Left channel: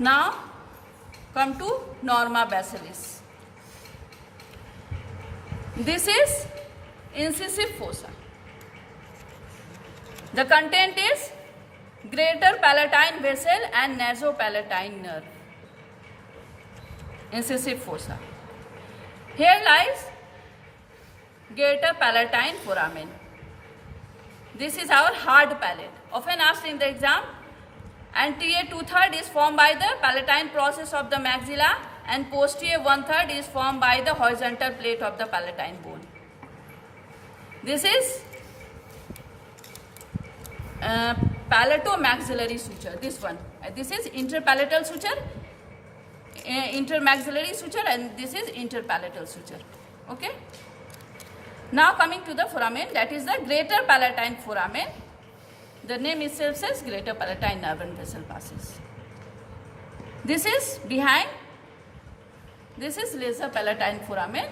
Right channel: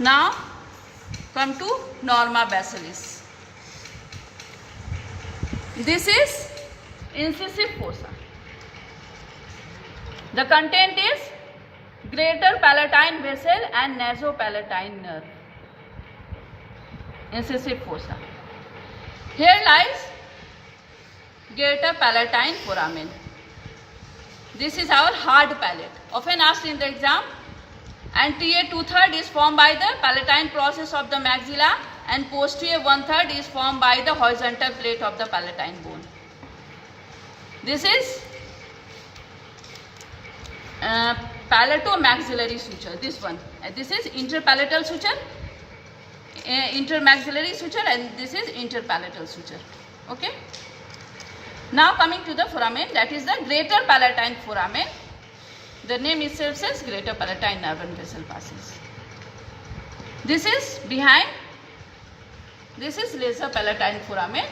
Now come to norma basalis. This is incisive fossa. The content is greater palatine vessel and nasopalatine nerve. Incisive fossa. Here lies greater palatine foramen. This is our hard palate. Often asked in the exam, anterior 2/3 is formed by the palatine process of the maxilla and posterior 1/3 is formed by the horizontal plate of the palatine bone. This is palatomaxillary suture. This one. This is interpalatal suture, intermaxillary suture, and this is interpalatal suture. Okay. Now coming to the foramen, that is the greater palatine foramen. The name itself says greater palatine nerve and vessel passes. This is behind. This is lesser palatine foramen.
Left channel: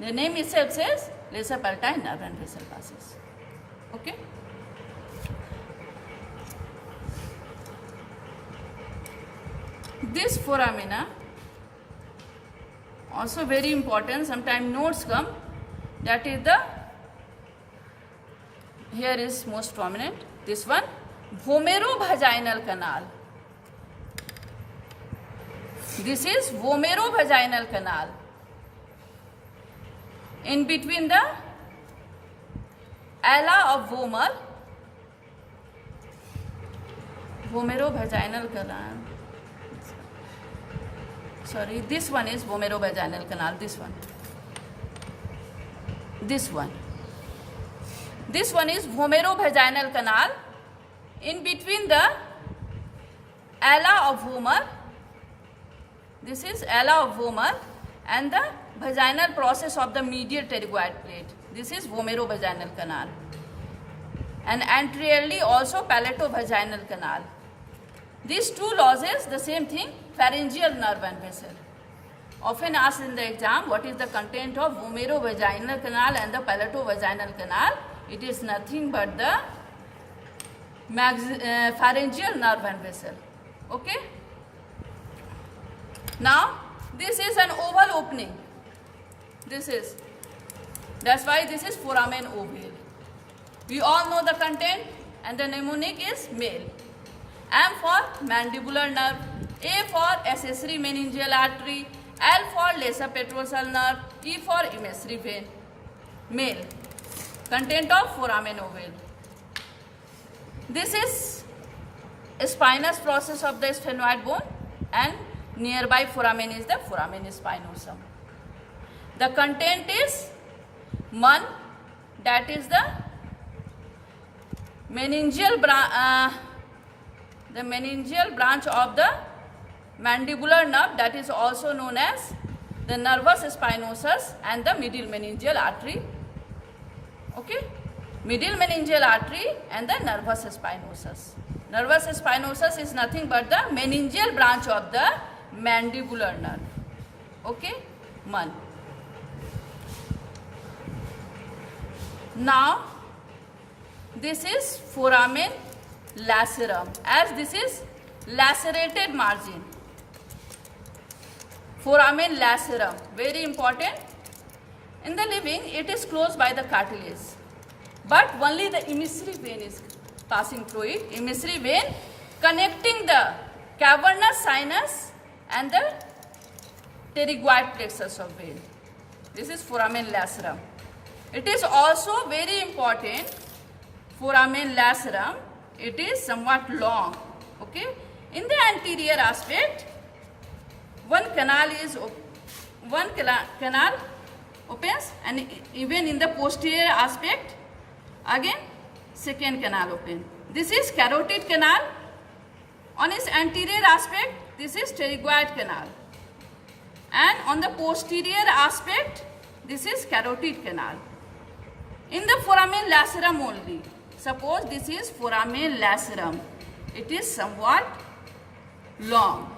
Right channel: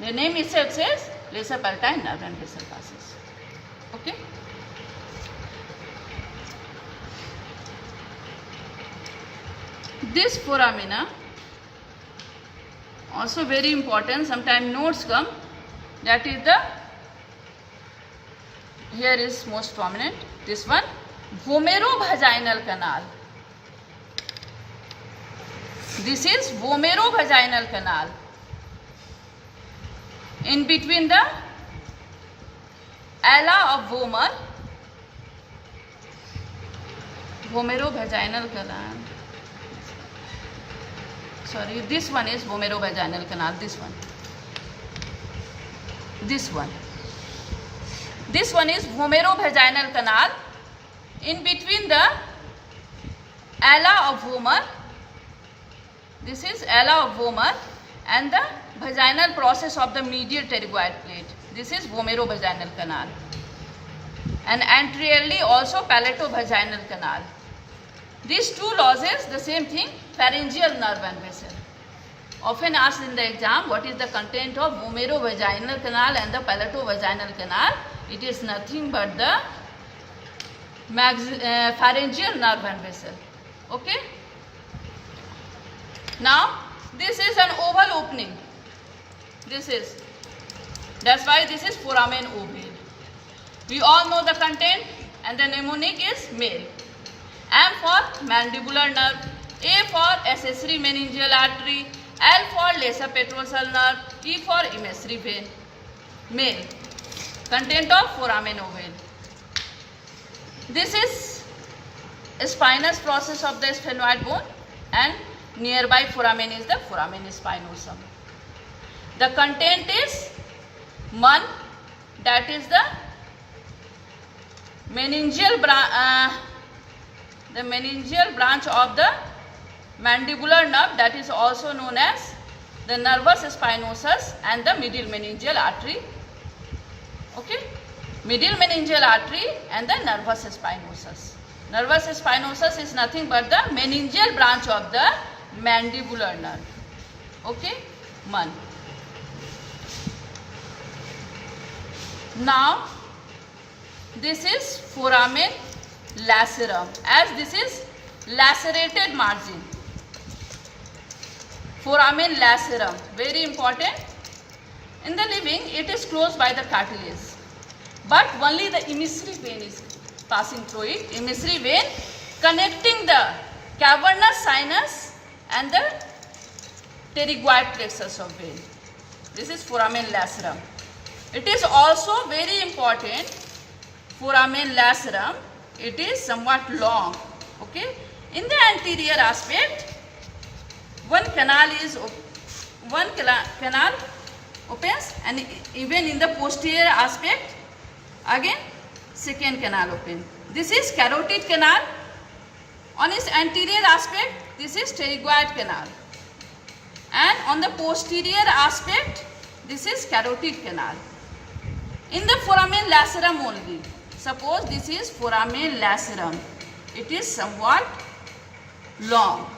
The name itself says lesser palatine nerve and vessel passes. Okay. This foramina also very important. Sometimes notes come. That is the, here is most prominent, this one, vomerovaginal canal. This is vomerovaginal canal. In between the ala of vomer, vomerovaginal canal. Sorry, this one is vomerovaginal canal, this one. This one. This one is vomerovaginal canal. In between the ala of vomer, this is ala of vomer, and the vaginal process of the medial pterygoid plate. This is vomerovaginal canal. And anteriorly also palatovaginal canal. These two lozes, the same thing, pharyngeal nerve and vessel. Often asked in the exam, what is the content of vomerovaginal canal and the palatovaginal canal? It is nothing but the pharyngeal nerve and vessel. Okay. Now, this is an oval opening. This is. That's why this is foramen ovale. We all know the content, and the mnemonic is male. M for mandibular nerve, A for accessory meningeal artery, L for lesser petrosal nerve, E for emissary vein. Male. Content of foramen ovale. This is a spinous process of the sphenoid bone, and nearby foramen is the foramen spinosum. The content is MUN, that is the meningeal branch of the mandibular nerve, that is also known as the nervus spinosus and the medial meningeal artery. Okay, medial meningeal artery and the nervus spinosus. Nervus spinosus is nothing but the meningeal branch of the mandibular nerve. Okay, MUN. Now this is foramen lacerum, as this is lacerated margin. Foramen lacerum, very important. In the living, it is closed by the cartilage, but only the emissary vein is passing through it. Emissary vein connecting the cavernous sinus and the pterygoid plexus of vein. This is foramen lacerum. It is also very important. Foramen lacerum, it is somewhat long. Okay, in the anterior aspect, one canal opens, and even in the posterior aspect, again second canal open. This is carotid canal. On its anterior aspect, this is pterygoid canal, and on the posterior aspect, this is carotid canal. In the foramen lacerum only, suppose this is foramen lacerum, it is somewhat long.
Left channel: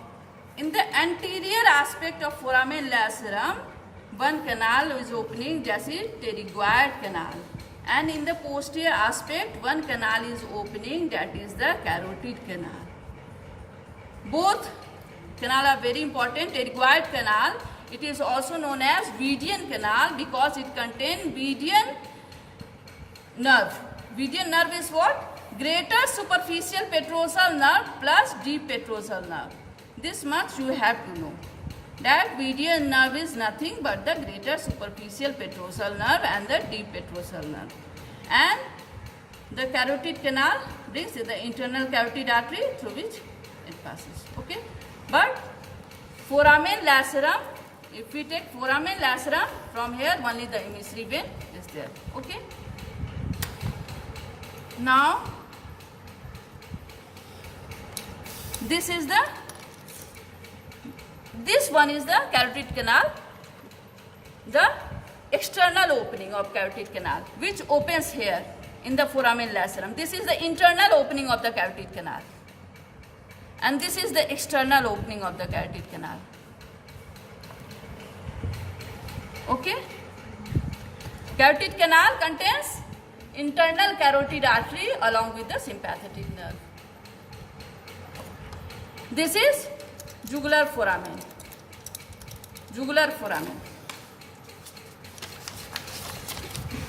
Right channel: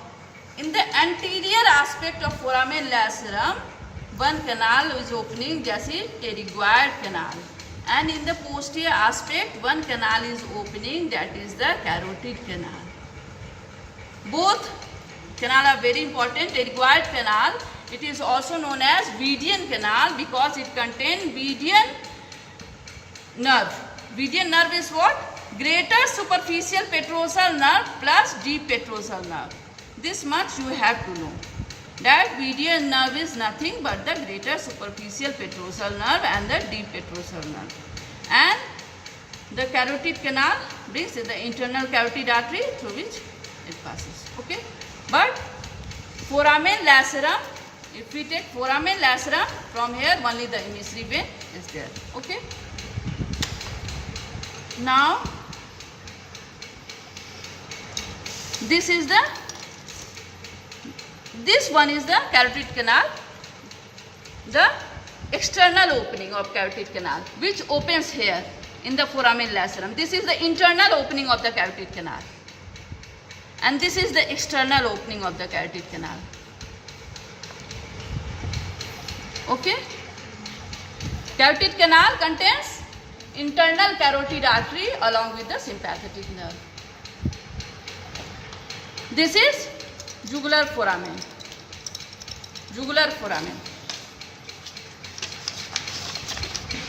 In the anterior aspect of foramen lacerum, one canal is opening, that is pterygoid canal, and in the posterior aspect, one canal is opening, that is the carotid canal. Both Canal are very important. A required canal, it is also known as Vidian canal because it contains Vidian nerve. Vidian nerve is what? Greater superficial petrosal nerve plus deep petrosal nerve. This much you have to know. That Vidian nerve is nothing but the greater superficial petrosal nerve and the deep petrosal nerve. And the carotid canal brings the internal carotid artery through which it passes. Okay? But foramen lacerum, if we take foramen lacerum, from here only the emissary vein is there. Okay? Now, this one is the carotid canal, the external opening of carotid canal, which opens here in the foramen lacerum. This is the internal opening of the carotid canal. And this is the external opening of the carotid canal. Okay? Carotid canal contains internal carotid artery along with the sympathetic nerve. This is jugular foramen. Jugular foramen.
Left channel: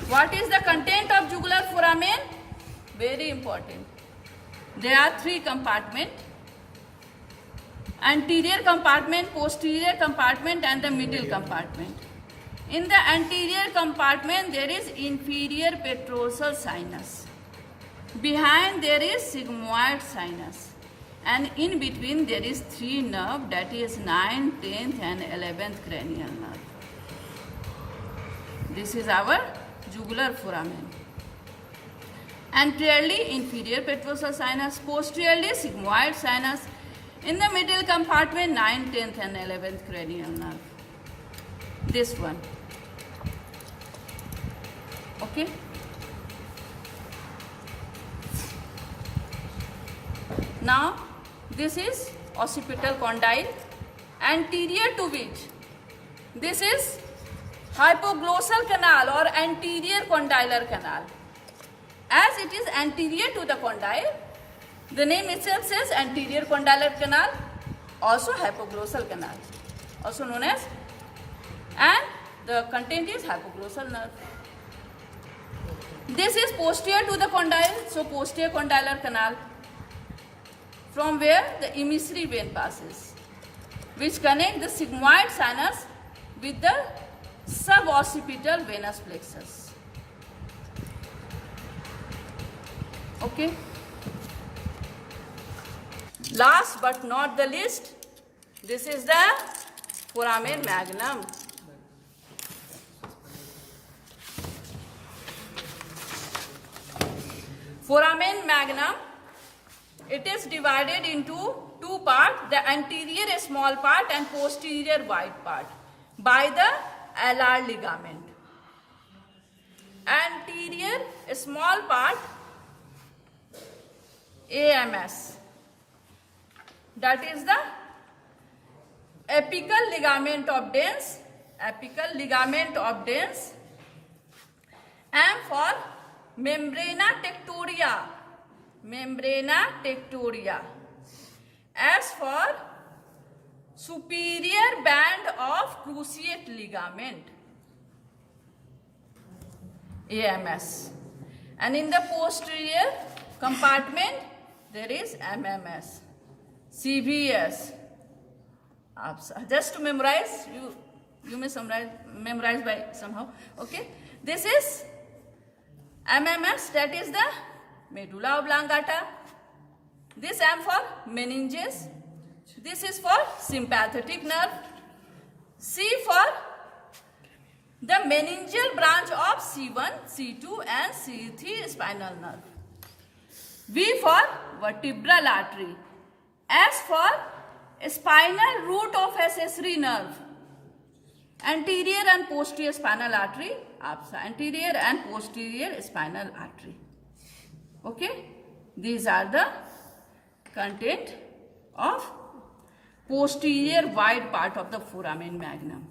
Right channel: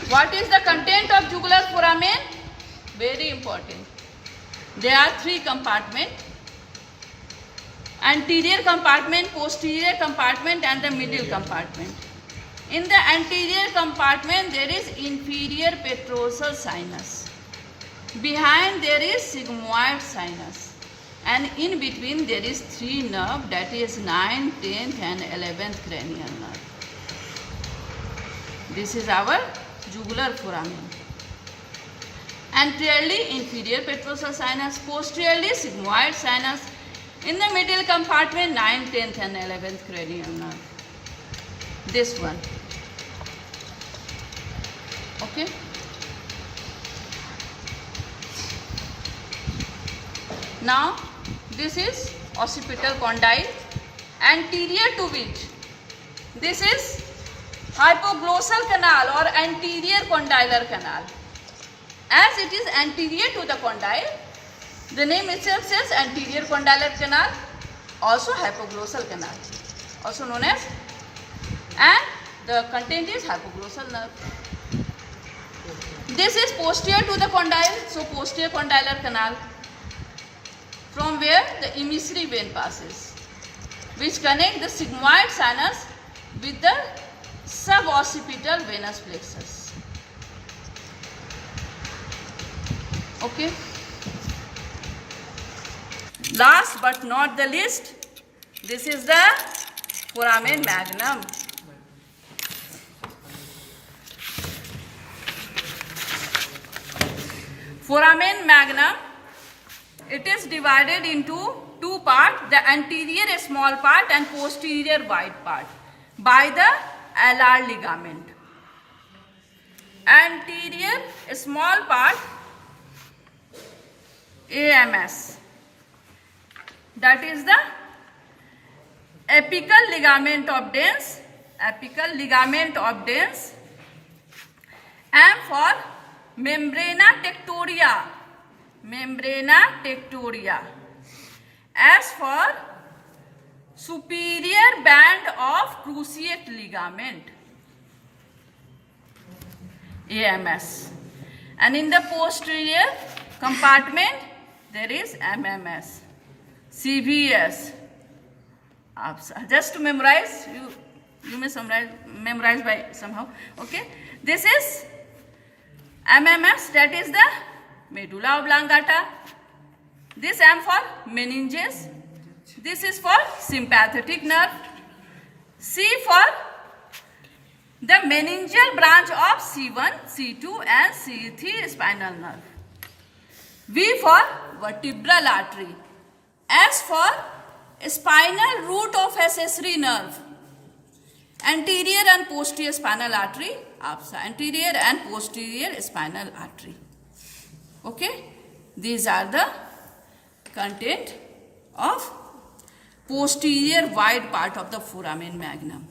What is the content of jugular foramen? Very important. There are 3 compartments. Anterior compartment, posterior compartment and the middle compartment. In the anterior compartment there is inferior petrosal sinus. Behind there is sigmoid sinus. And in between there is 3 nerve, that is 9th, 10th and 11th cranial nerve. This is our jugular foramen. Anteriorly inferior petrosal sinus, posteriorly sigmoid sinus. In the middle compartment 9th, 10th and 11th cranial nerve. This one. Okay. Now this is occipital condyle, anterior to which this is hypoglossal canal or anterior condylar canal. As it is anterior to the condyle, the name itself says anterior condylar canal, also hypoglossal canal, also known as, and the content is hypoglossal nerve. This is posterior to the condyle, so posterior condylar canal, from where the emissary vein passes, which connect the sigmoid sinus with the suboccipital venous plexus. Okay. Last but not the least, this is the foramen magnum. Foramen magnum, it is divided into 2 parts, the anterior small part and posterior wide part, by the alar ligament. Anterior small part, AMS, that is the apical ligament of dens, apical ligament of dens. M for membrana tectoria, membrana tectoria. S for superior band of cruciate ligament, AMS. And in the posterior compartment there is MMS, CVS. Just to memorize, you may memorize by somehow. Okay, this is MMS, that is the medulla oblongata. This M for meninges. This is for sympathetic nerve. C for the meningeal branch of C1, C2 and C3 spinal nerve. V for vertebral artery. S for spinal root of accessory nerve. Anterior and posterior spinal artery, APSA, anterior and posterior spinal artery. Okay, these are the content of posterior wide part of the foramen magnum.